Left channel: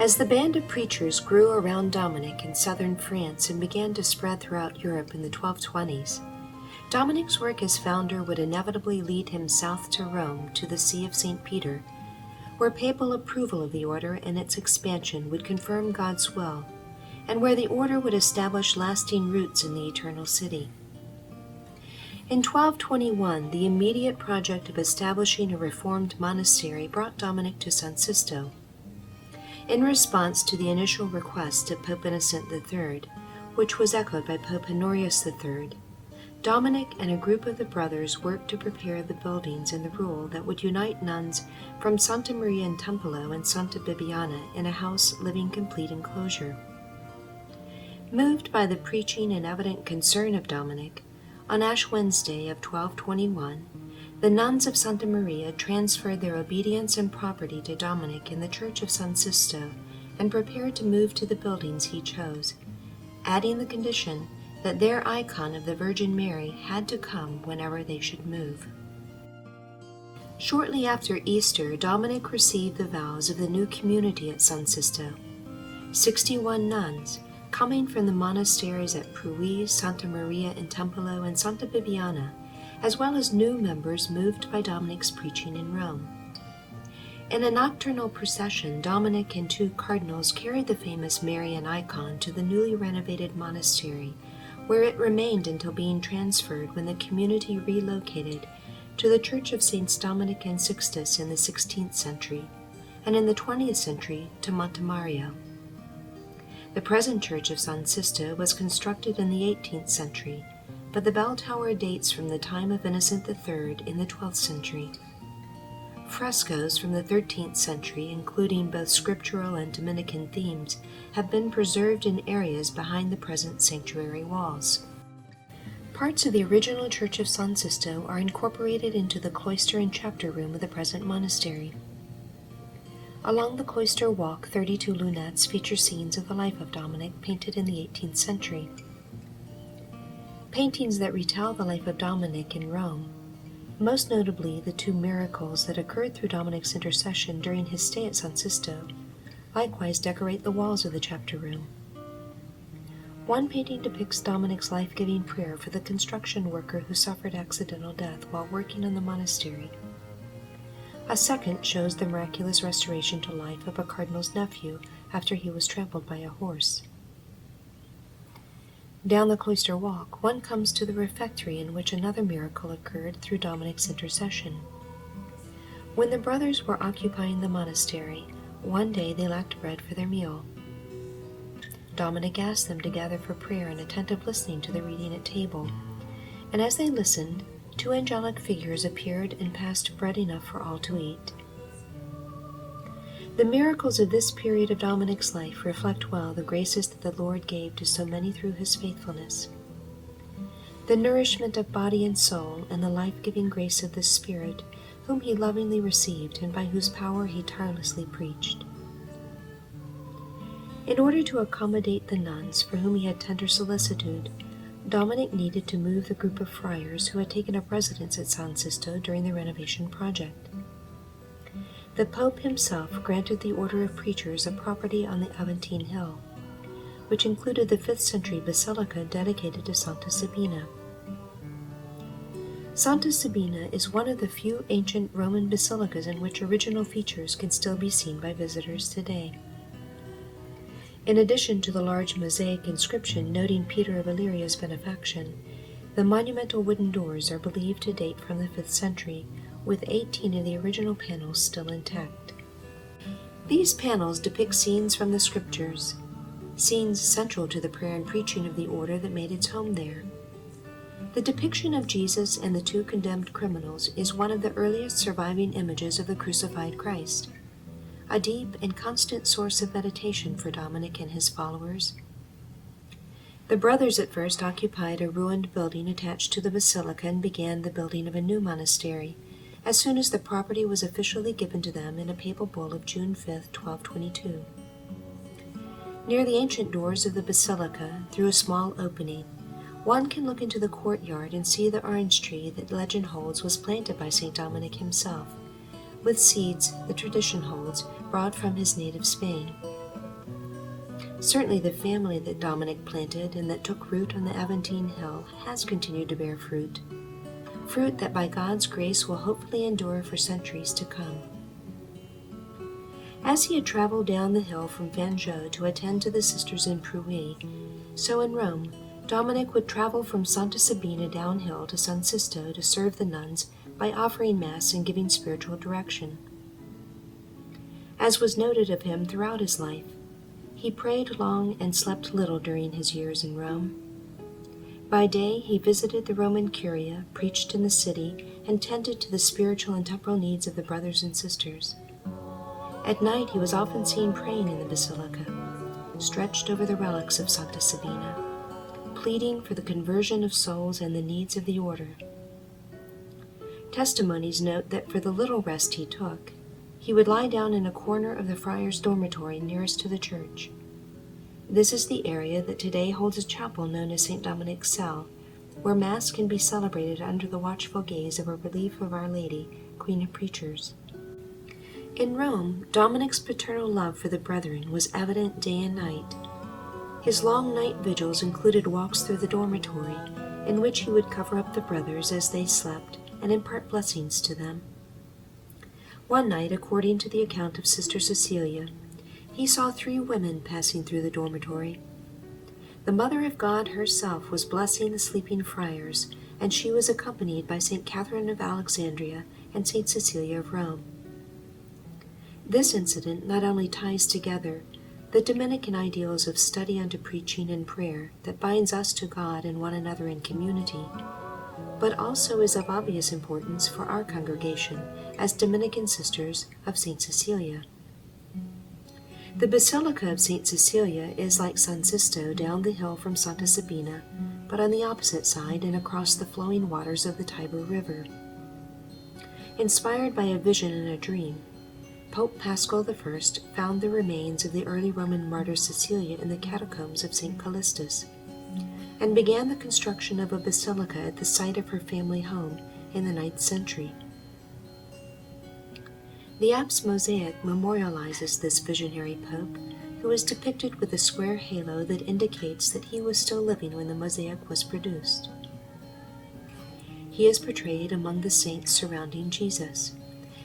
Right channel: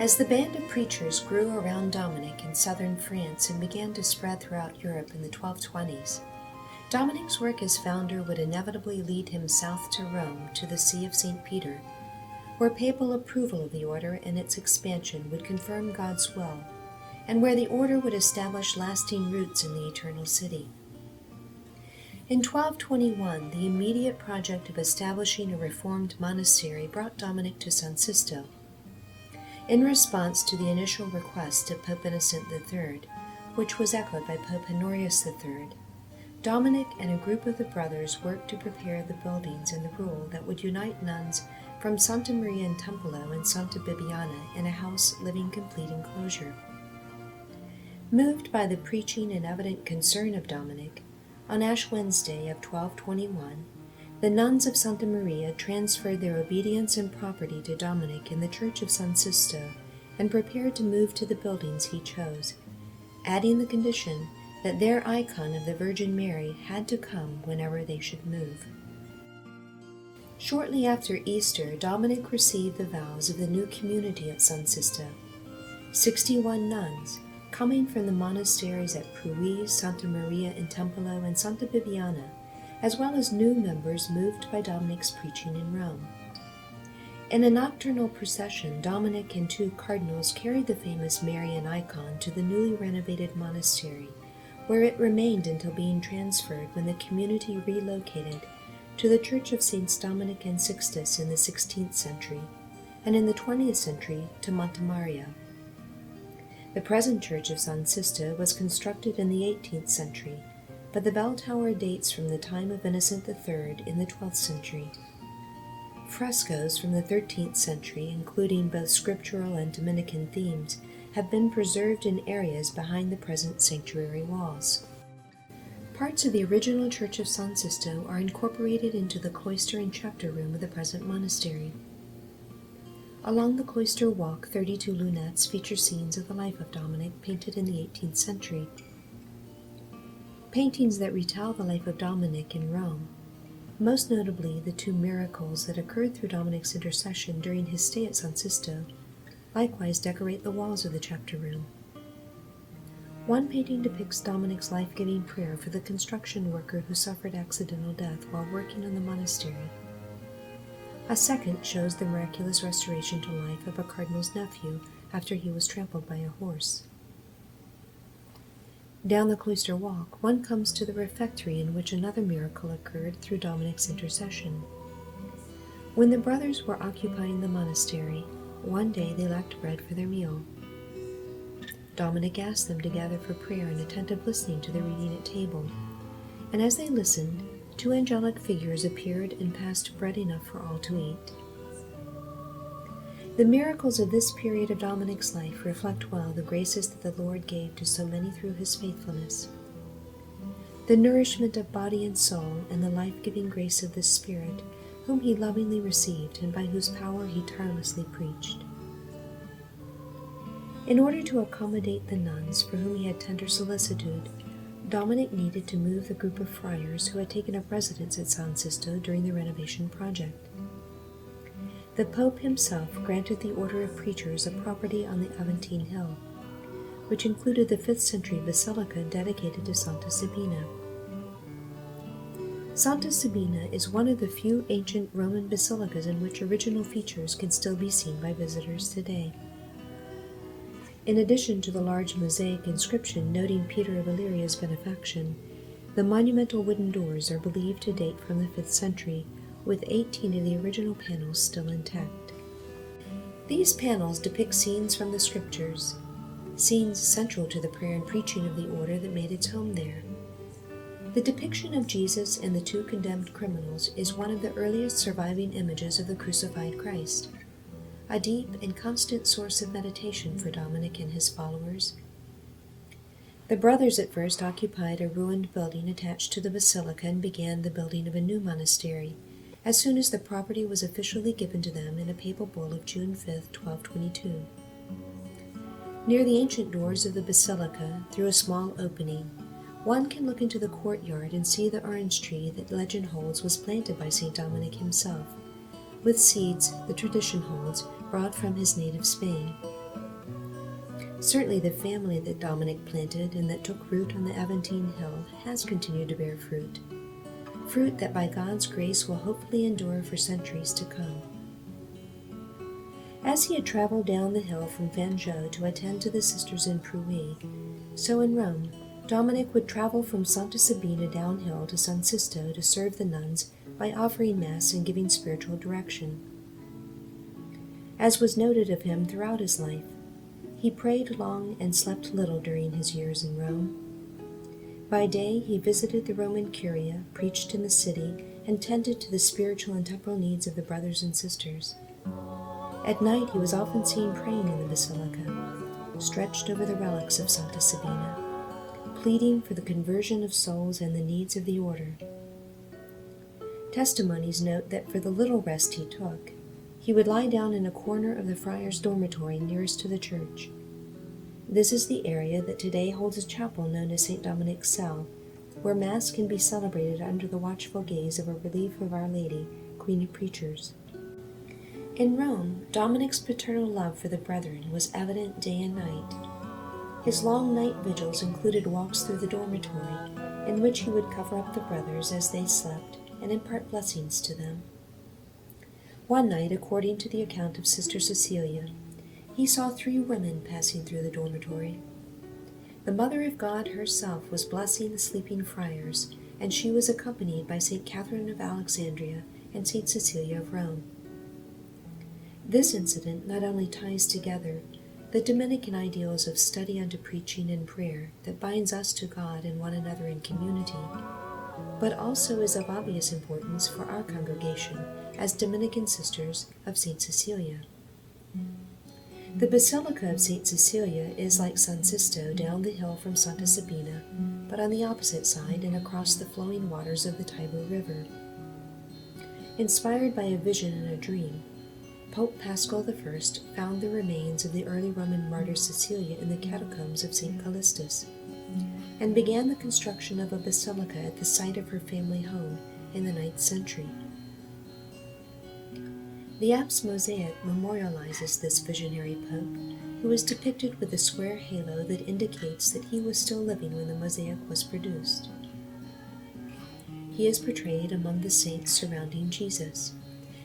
As the band of preachers grew around Dominic in southern France and began to spread throughout Europe in the 1220s, Dominic's work as founder would inevitably lead him south to Rome, to the See of St. Peter, where papal approval of the order and its expansion would confirm God's will, and where the order would establish lasting roots in the Eternal City. In 1221, the immediate project of establishing a reformed monastery brought Dominic to San Sista. In response to the initial request of Pope Innocent III, which was echoed by Pope Honorius III, Dominic and a group of the brothers worked to prepare the buildings and the rule that would unite nuns from Santa Maria in Tempolo and Santa Bibiana in a house living complete enclosure. Moved by the preaching and evident concern of Dominic, on Ash Wednesday of 1221, the nuns of Santa Maria transferred their obedience and property to Dominic in the Church of San Sista and prepared to move to the buildings he chose, adding the condition that their icon of the Virgin Mary had to come whenever they should move. Shortly after Easter, Dominic received the vows of the new community at San Sista. 61 nuns, coming from the monasteries at Pruy, Santa Maria in Tempolo, and Santa Bibiana, as well as new members moved by Dominic's preaching in Rome. In a nocturnal procession, Dominic and 2 cardinals carried the famous Marian icon to the newly renovated monastery, where it remained until being transferred when the community relocated to the Church of Saints Dominic and Sixtus in the 16th century, and in the 20th century to Montemario. The present Church of San Sista was constructed in the 18th century, but the bell tower dates from the time of Innocent III in the 12th century. Frescoes from the 13th century, including both scriptural and Dominican themes, have been preserved in areas behind the present sanctuary walls. Parts of the original Church of San Sista are incorporated into the cloister and chapter room of the present monastery. Along the cloister walk, 32 lunettes feature scenes of the life of Dominic painted in the 18th century. Paintings that retell the life of Dominic in Rome, most notably the 2 miracles that occurred through Dominic's intercession during his stay at San Sista, likewise decorate the walls of the chapter room. One painting depicts Dominic's life-giving prayer for the construction worker who suffered accidental death while working on the monastery. A second shows the miraculous restoration to life of a cardinal's nephew after he was trampled by a horse. Down the cloister walk, one comes to the refectory in which another miracle occurred through Dominic's intercession. When the brothers were occupying the monastery, one day they lacked bread for their meal. Dominic asked them to gather for prayer and attentive listening to the reading at table, and as they listened, 2 angelic figures appeared and passed bread enough for all to eat. The miracles of this period of Dominic's life reflect well the graces that the Lord gave to so many through his faithfulness. The nourishment of body and soul and the life-giving grace of the Spirit, whom he lovingly received and by whose power he tirelessly preached. In order to accommodate the nuns for whom he had tender solicitude, Dominic needed to move the group of friars who had taken up residence at San Sista during the renovation project. The Pope himself granted the order of preachers a property on the Aventine Hill, which included the 5th century Basilica dedicated to Santa Sabina. Santa Sabina is one of the few ancient Roman basilicas in which original features can still be seen by visitors today. In addition to the large mosaic inscription noting Peter of Illyria's benefaction, the monumental wooden doors are believed to date from the 5th century, with 18 of the original panels still intact. These panels depict scenes from the scriptures, scenes central to the prayer and preaching of the order that made its home there. The depiction of Jesus and the 2 condemned criminals is one of the earliest surviving images of the crucified Christ, a deep and constant source of meditation for Dominic and his followers. The brothers at first occupied a ruined building attached to the basilica and began the building of a new monastery, as soon as the property was officially given to them in a papal bull of June 5, 1222. Near the ancient doors of the basilica, through a small opening, one can look into the courtyard and see the orange tree that legend holds was planted by St. Dominic himself, with seeds, the tradition holds, brought from his native Spain. Certainly the family that Dominic planted and that took root on the Aventine Hill has continued to bear fruit. Fruit that by God's grace will hopefully endure for centuries to come. As he had traveled down the hill from Fanjeau to attend to the sisters in Prouy, so in Rome, Dominic would travel from Santa Sabina downhill to San Sista to serve the nuns by offering Mass and giving spiritual direction. As was noted of him throughout his life, he prayed long and slept little during his years in Rome. By day he visited the Roman Curia, preached in the city, and tended to the spiritual and temporal needs of the brothers and sisters. At night he was often seen praying in the Basilica, stretched over the relics of Santa Sabina, pleading for the conversion of souls and the needs of the order. Testimonies note that for the little rest he took, he would lie down in a corner of the friar's dormitory nearest to the church. This is the area that today holds a chapel known as St. Dominic's Cell, where Mass can be celebrated under the watchful gaze of a relief of Our Lady, Queen of Preachers. In Rome, Dominic's paternal love for the brethren was evident day and night. His long night vigils included walks through the dormitory, in which he would cover up the brothers as they slept and impart blessings to them. One night, according to the account of Sister Cecilia, he saw 3 women passing through the dormitory. The Mother of God herself was blessing the sleeping friars, and she was accompanied by St. Catherine of Alexandria and St. Cecilia of Rome. This incident not only ties together the Dominican ideals of study unto preaching and prayer that binds us to God and one another in community, but also is of obvious importance for our congregation as Dominican Sisters of St. Cecilia. The Basilica of St. Cecilia is like San Sista down the hill from Santa Sabina, but on the opposite side and across the flowing waters of the Tiber River. Inspired by a vision and a dream, Pope Paschal I found the remains of the early Roman martyr Cecilia in the catacombs of St. Callistus, and began the construction of a basilica at the site of her family home in the 9th century. The apse mosaic memorializes this visionary pope, who is depicted with a square halo that indicates that he was still living when the mosaic was produced. He is portrayed among the saints surrounding Jesus:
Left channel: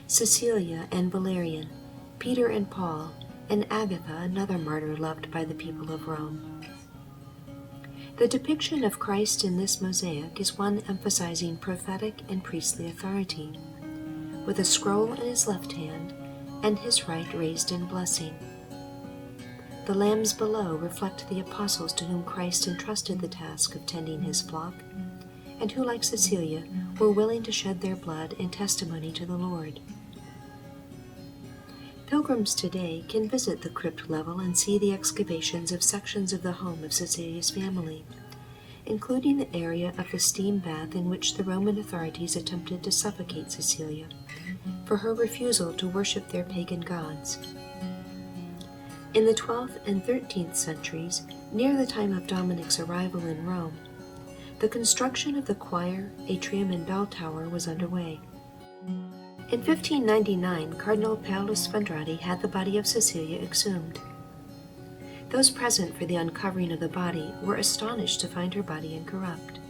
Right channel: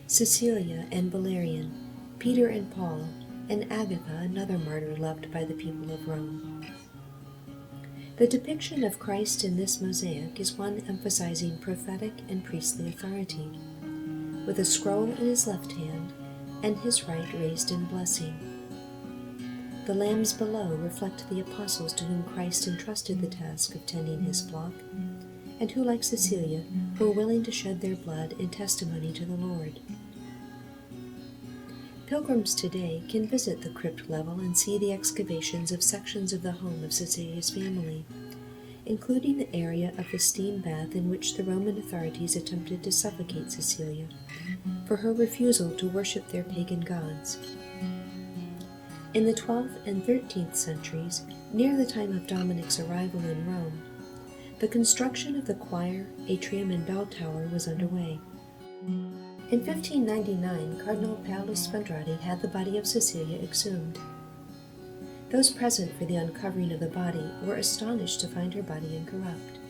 Cecilia and Valerian, Peter and Paul, and Agatha, another martyr loved by the people of Rome. The depiction of Christ in this mosaic is one emphasizing prophetic and priestly authority, with a scroll in his left hand and his right raised in blessing. The lambs below reflect the apostles to whom Christ entrusted the task of tending his flock, and who, like Cecilia, were willing to shed their blood in testimony to the Lord. Pilgrims today can visit the crypt level and see the excavations of sections of the home of Cecilia's family, including the area of the steam bath in which the Roman authorities attempted to suffocate Cecilia for her refusal to worship their pagan gods. In the 12th and 13th centuries, near the time of Dominic's arrival in Rome, the construction of the choir, atrium, and bell tower was underway. In 1599, Cardinal Paolo Sfondrati had the body of Cecilia exhumed. Those present for the uncovering of the body were astonished to find her body incorrupt.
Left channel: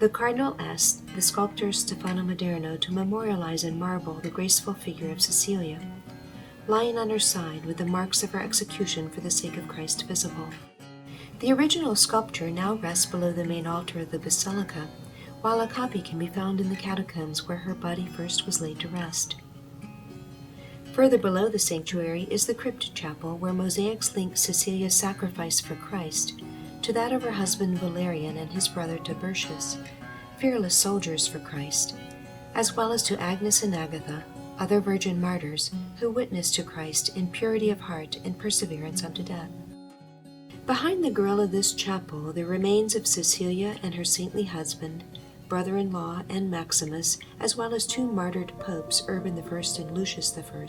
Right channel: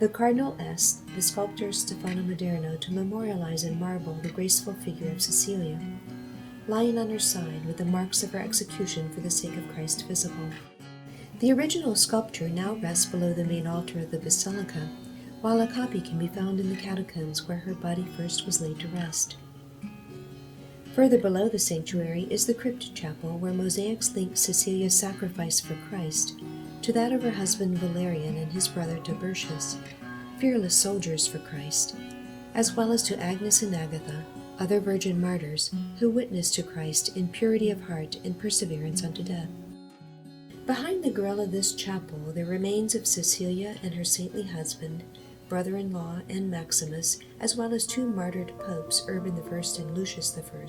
The cardinal asked the sculptor Stefano Maderno to memorialize in marble the graceful figure of Cecilia, lying on her side with the marks of her execution for the sake of Christ visible. The original sculpture now rests below the main altar of the basilica, while a copy can be found in the catacombs where her body first was laid to rest. Further below the sanctuary is the Cryptid Chapel, where mosaics link Cecilia's sacrifice for Christ to that of her husband Valerian and his brother Tiburtius, fearless soldiers for Christ, as well as to Agnes and Agatha, other virgin martyrs who witnessed to Christ in purity of heart and perseverance unto death. Behind the grille of this chapel, the remains of Cecilia and her saintly husband, brother-in-law, and Maximus, as well as 2 martyred popes, Urban I and Lucius I,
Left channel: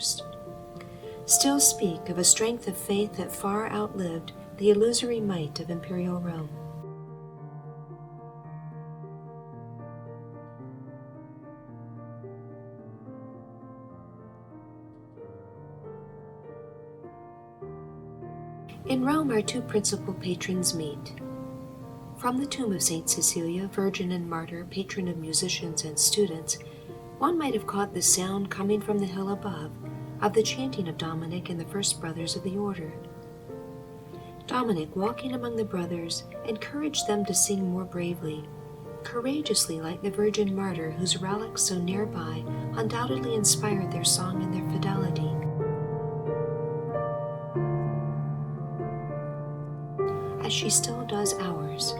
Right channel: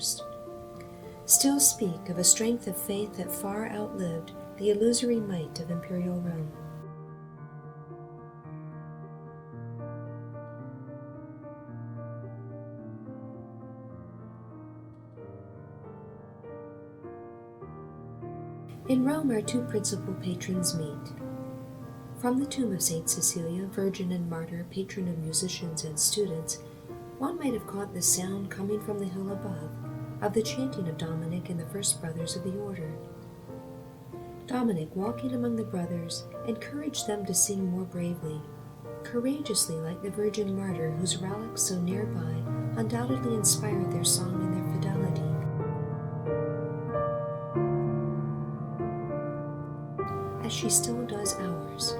still speak of a strength of faith that far outlived the illusory might of imperial Rome. In Rome, our two principal patrons meet. From the tomb of Saint Cecilia, virgin and martyr, patron of musicians and students, one might have caught the sound coming from the hill above of the chanting of Dominic and the first brothers of the order. Dominic, walking among the brothers, encouraged them to sing more bravely, courageously, like the virgin martyr whose relics so nearby undoubtedly inspired their song and their fidelity. As she still does ours.